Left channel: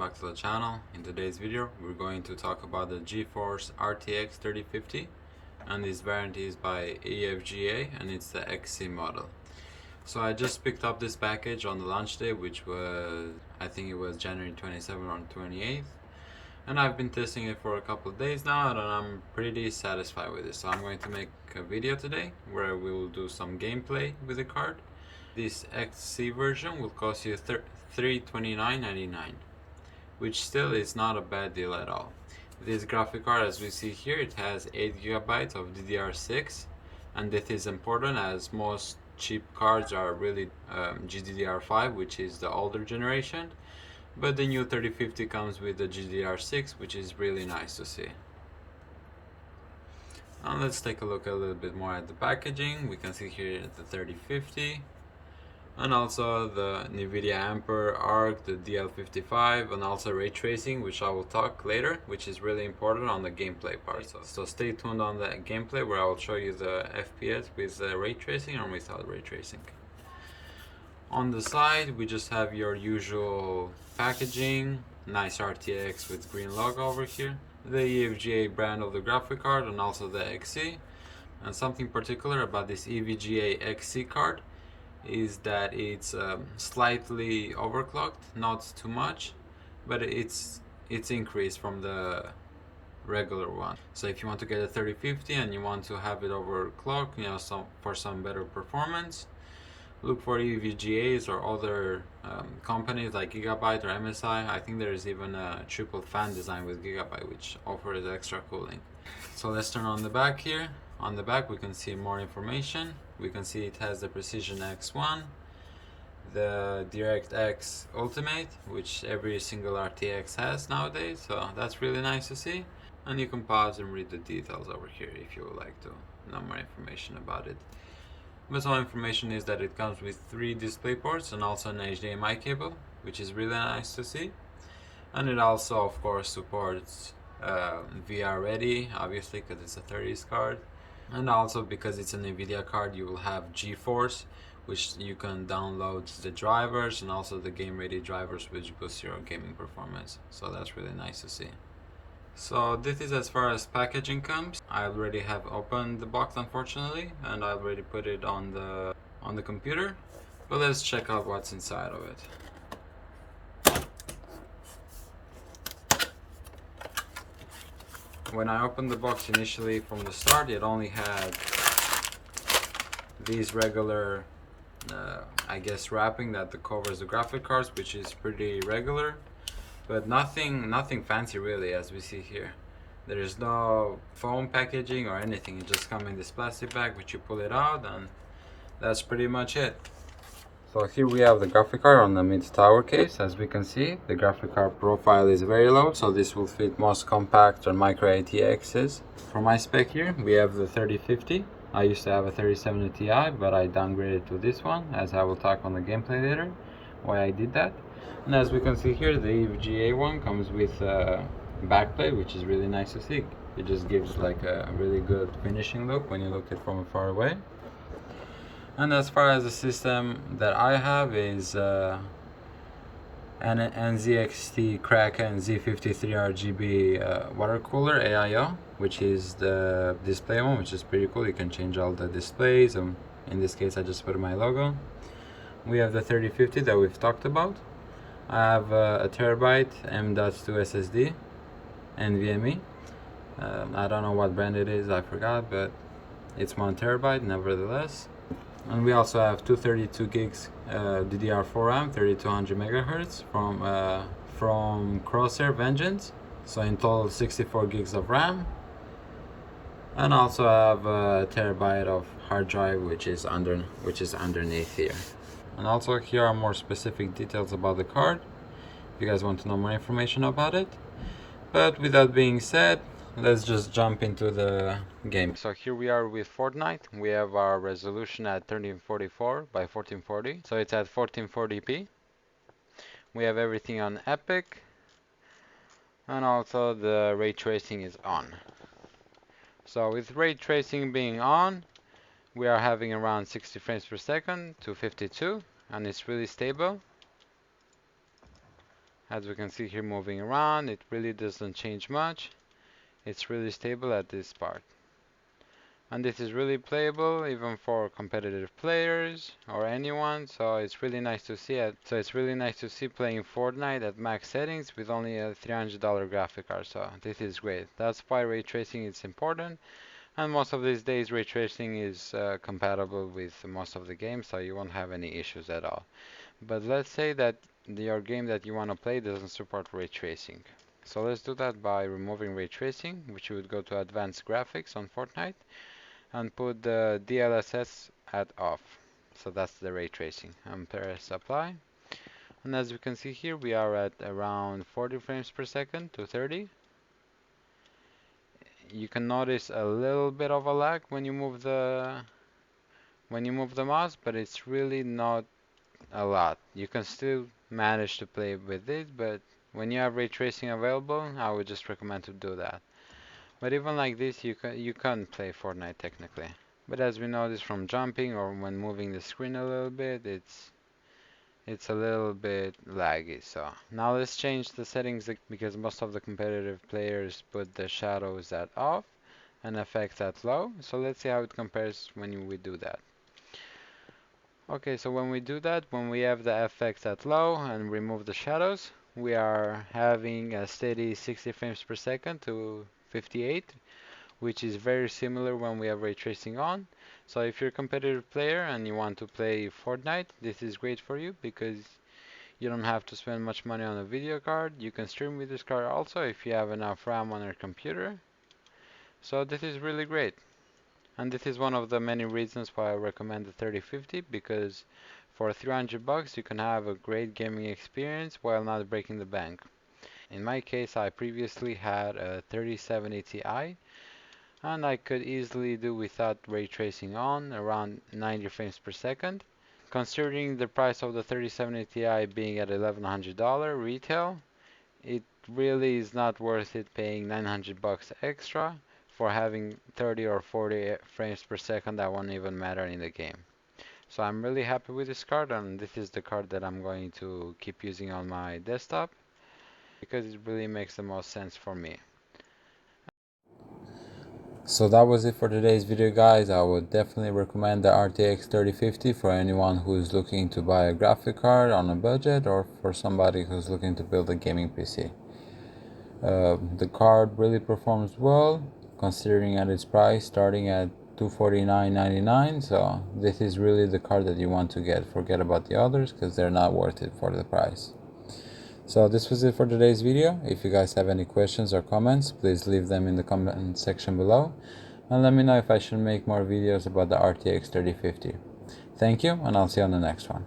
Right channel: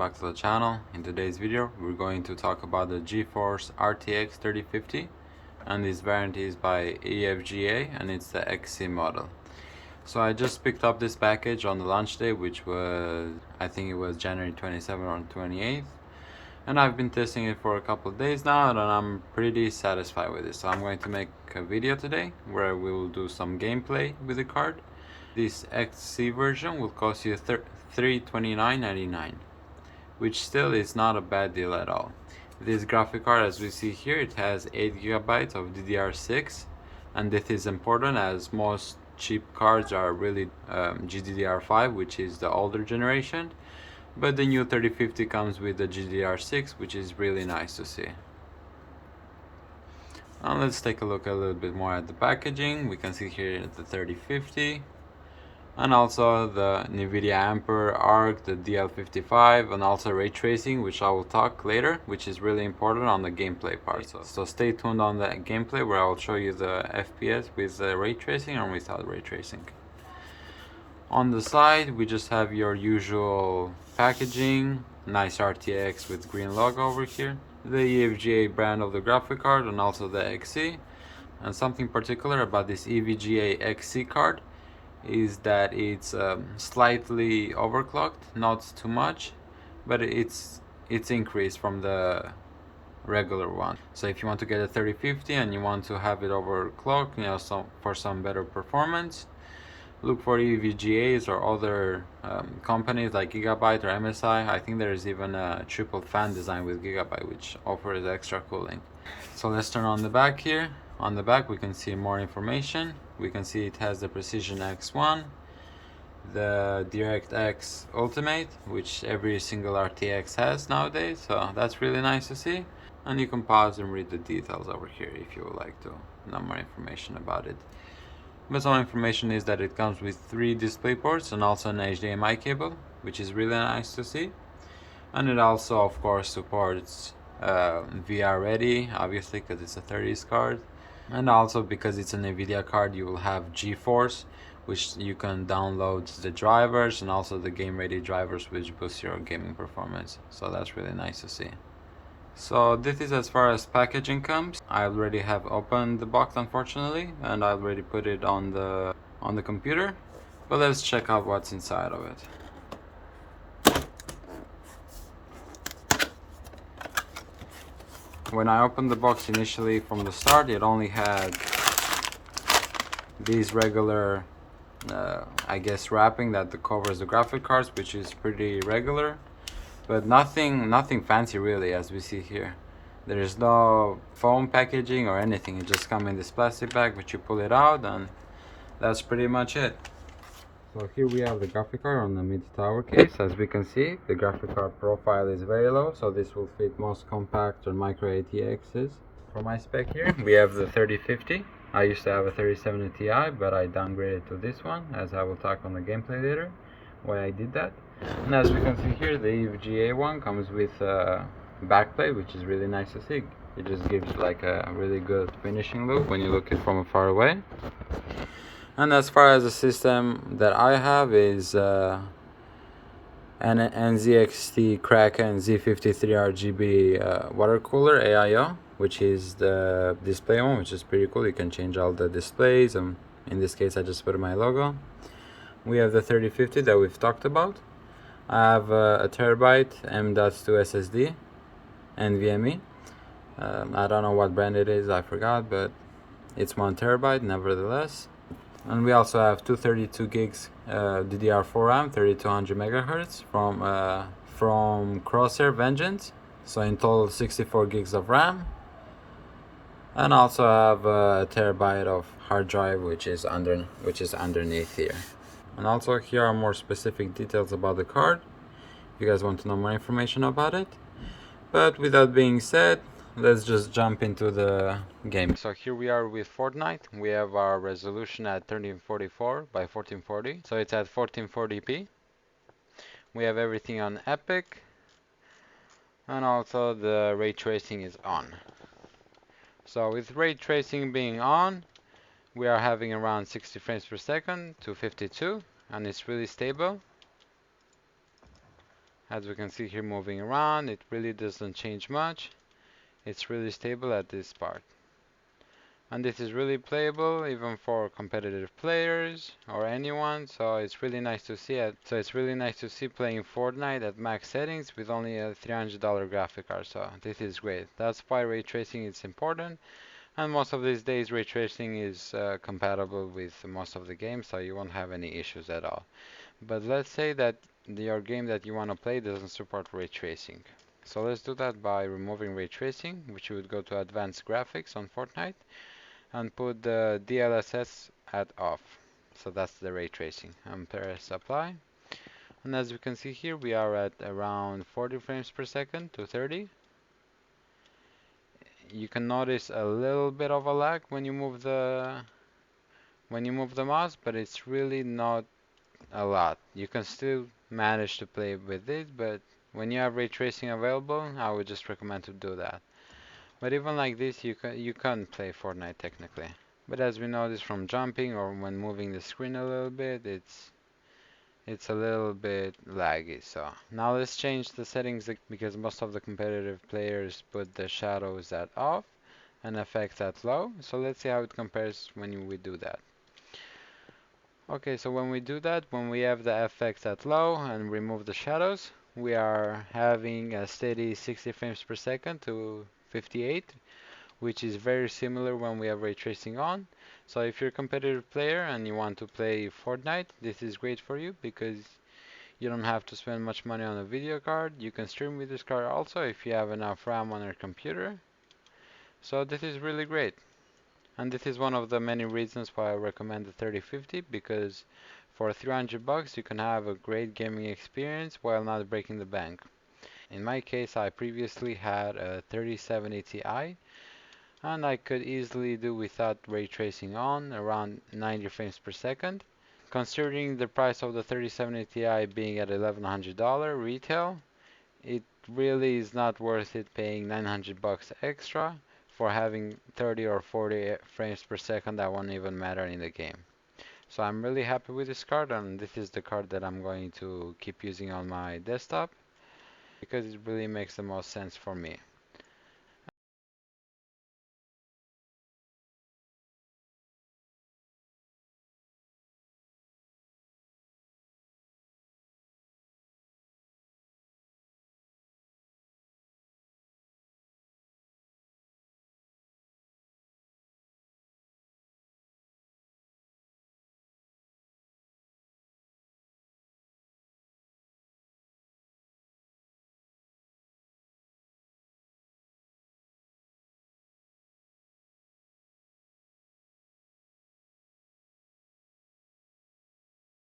back to the channel. In today's video we're going to talk about the GeForce RTX 3050, and this variant is by EFGA and it's the XC model. So I just picked up this package on the launch day, which was, I think it was January 27th or 28th, and I've been testing it for a couple of days now and I'm pretty satisfied with it. So I'm going to make a video today where we will do some gameplay with the card. This XC version will cost you $329.99, which still is not a bad deal at all. This graphic card, as we see here, it has 8 GB of DDR6, and this is important as most cheap cards are really GDDR5, which is the older generation, but the new 3050 comes with the GDDR6, which is really nice to see. Now let's take a look a little bit more at the packaging. We can see here the 3050, and also the Nvidia Ampere Arc, the DL55, and also ray tracing, which I will talk later, which is really important on the gameplay part. So stay tuned on the gameplay where I will show you the FPS with the ray tracing and without ray tracing. On the side we just have your usual packaging, nice RTX with green logo over here, the EVGA brand of the graphic card, and also the XC. And something particular about this EVGA XC card is that it's slightly overclocked, not too much, but it's increased from the regular one. So if you want to get a 3050 and you want to have it overclocked, you know, for some better performance, look for EVGAs or other companies like Gigabyte or MSI. I think there is even a triple fan design with Gigabyte, which offers extra cooling. So let's turn on the back here. On the back we can see more information. We can see it has the Precision X1, the DirectX Ultimate, which every single RTX has nowadays, so that's really nice to see. And you can pause and read the details over here if you would like to know more information about it. But some information is that it comes with 3 display ports and also an HDMI cable, which is really nice to see. And it also of course supports VR ready, obviously, because it's a 30s card. And also because it's an Nvidia card, you will have GeForce, which you can download the drivers and also the game ready drivers, which boost your gaming performance. So that's really nice to see. So this is as far as packaging comes. I already have opened the box, unfortunately, and I already put it on the computer, but let's check out what's inside of it. When I opened the box initially from the start, it only had these regular I guess wrapping that covers the graphic cards, which is pretty regular, but nothing fancy really, as we see here. There is no foam packaging or anything. It just comes in this plastic bag, which you pull it out, and that's pretty much it. So here we have the graphic card on the mid-tower case. As we can see, the graphic card profile is very low, so this will fit most compact or micro ATXs. For my spec here, we have the 3050. I used to have a 3070 Ti, but I downgraded to this one, as I will talk on the gameplay later why I did that. And as we can see here, the EVGA one comes with backplate, which is really nice to see. It just gives like a really good finishing look when you look it from far away. And as far as the system that I have is an NZXT Kraken Z53 RGB water cooler AIO, which is the display one, which is pretty cool. You can change all the displays, and in this case I just put my logo. We have the 3050 that we've talked about. I have a terabyte M.2 SSD NVMe. I don't know what brand it is, I forgot, but it's 1 terabyte nevertheless. And we also have 232 gigs DDR4 RAM, 3200 megahertz from Crosshair Vengeance. So in total 64 gigs of RAM. And also have a terabyte of hard drive, which is underneath here. And also here are more specific details about the card, if you guys want to know more information about it. But with that being said, let's just jump into the game. So here we are with Fortnite. We have our resolution at 1344 by 1440, so it's at 1440p. We have everything on Epic, and also the ray tracing is on. So with ray tracing being on, we are having around 60 frames per second to 52, and it's really stable. As we can see here moving around, it really doesn't change much. It's really stable at this part. And this is really playable even for competitive players or anyone, so it's really nice to see it. So it's really nice to see playing Fortnite at max settings with only a $300 graphic card, so this is great. That's why ray tracing is important, and most of these days ray tracing is compatible with most of the games, so you won't have any issues at all. But let's say that your game that you want to play doesn't support ray tracing. So let's do that by removing ray tracing, which you would go to advanced graphics on Fortnite and put the DLSS at off. So that's the ray tracing. And press apply. And as you can see here, we are at around 40 frames per second to 30. You can notice a little bit of a lag when you move the mouse, but it's really not a lot. You can still manage to play with it, but when you have ray tracing available, I would just recommend to do that. But even like this, you can play Fortnite technically. But as we notice from jumping or when moving the screen a little bit, it's a little bit laggy. So now let's change the settings because most of the competitive players put the shadows at off and effects at low. So let's see how it compares when we do that. Okay, so when we do that, when we have the effects at low and remove the shadows, we are having a steady 60 frames per second to 58, which is very similar when we have ray tracing on. So if you're a competitive player and you want to play Fortnite, this is great for you because you don't have to spend much money on a video card. You can stream with this card also if you have enough RAM on your computer. So this is really great. And this is one of the many reasons why I recommend the 3050 because for 300 bucks you can have a great gaming experience while not breaking the bank. In my case, I previously had a 3070 Ti and I could easily do without ray tracing on around 90 frames per second. Considering the price of the 3070 Ti being at $1,100 retail, it really is not worth it paying 900 bucks extra for having 30 or 40 frames per second that won't even matter in the game. So I'm really happy with this card, and this is the card that I'm going to keep using on my desktop because it really makes the most sense for me. So that was it for today's video, guys. I would definitely recommend the RTX 3050 for anyone who is looking to buy a graphic card on a budget or for somebody who's looking to build a gaming PC. The card really performs well considering at its price starting at $249.99, so this is really the card that you want to get. Forget about the others because they're not worth it for the price. So this was it for today's video. If you guys have any questions or comments, please leave them in the comment section below and let me know if I should make more videos about the RTX 3050. Thank you, and I'll see you on the next one.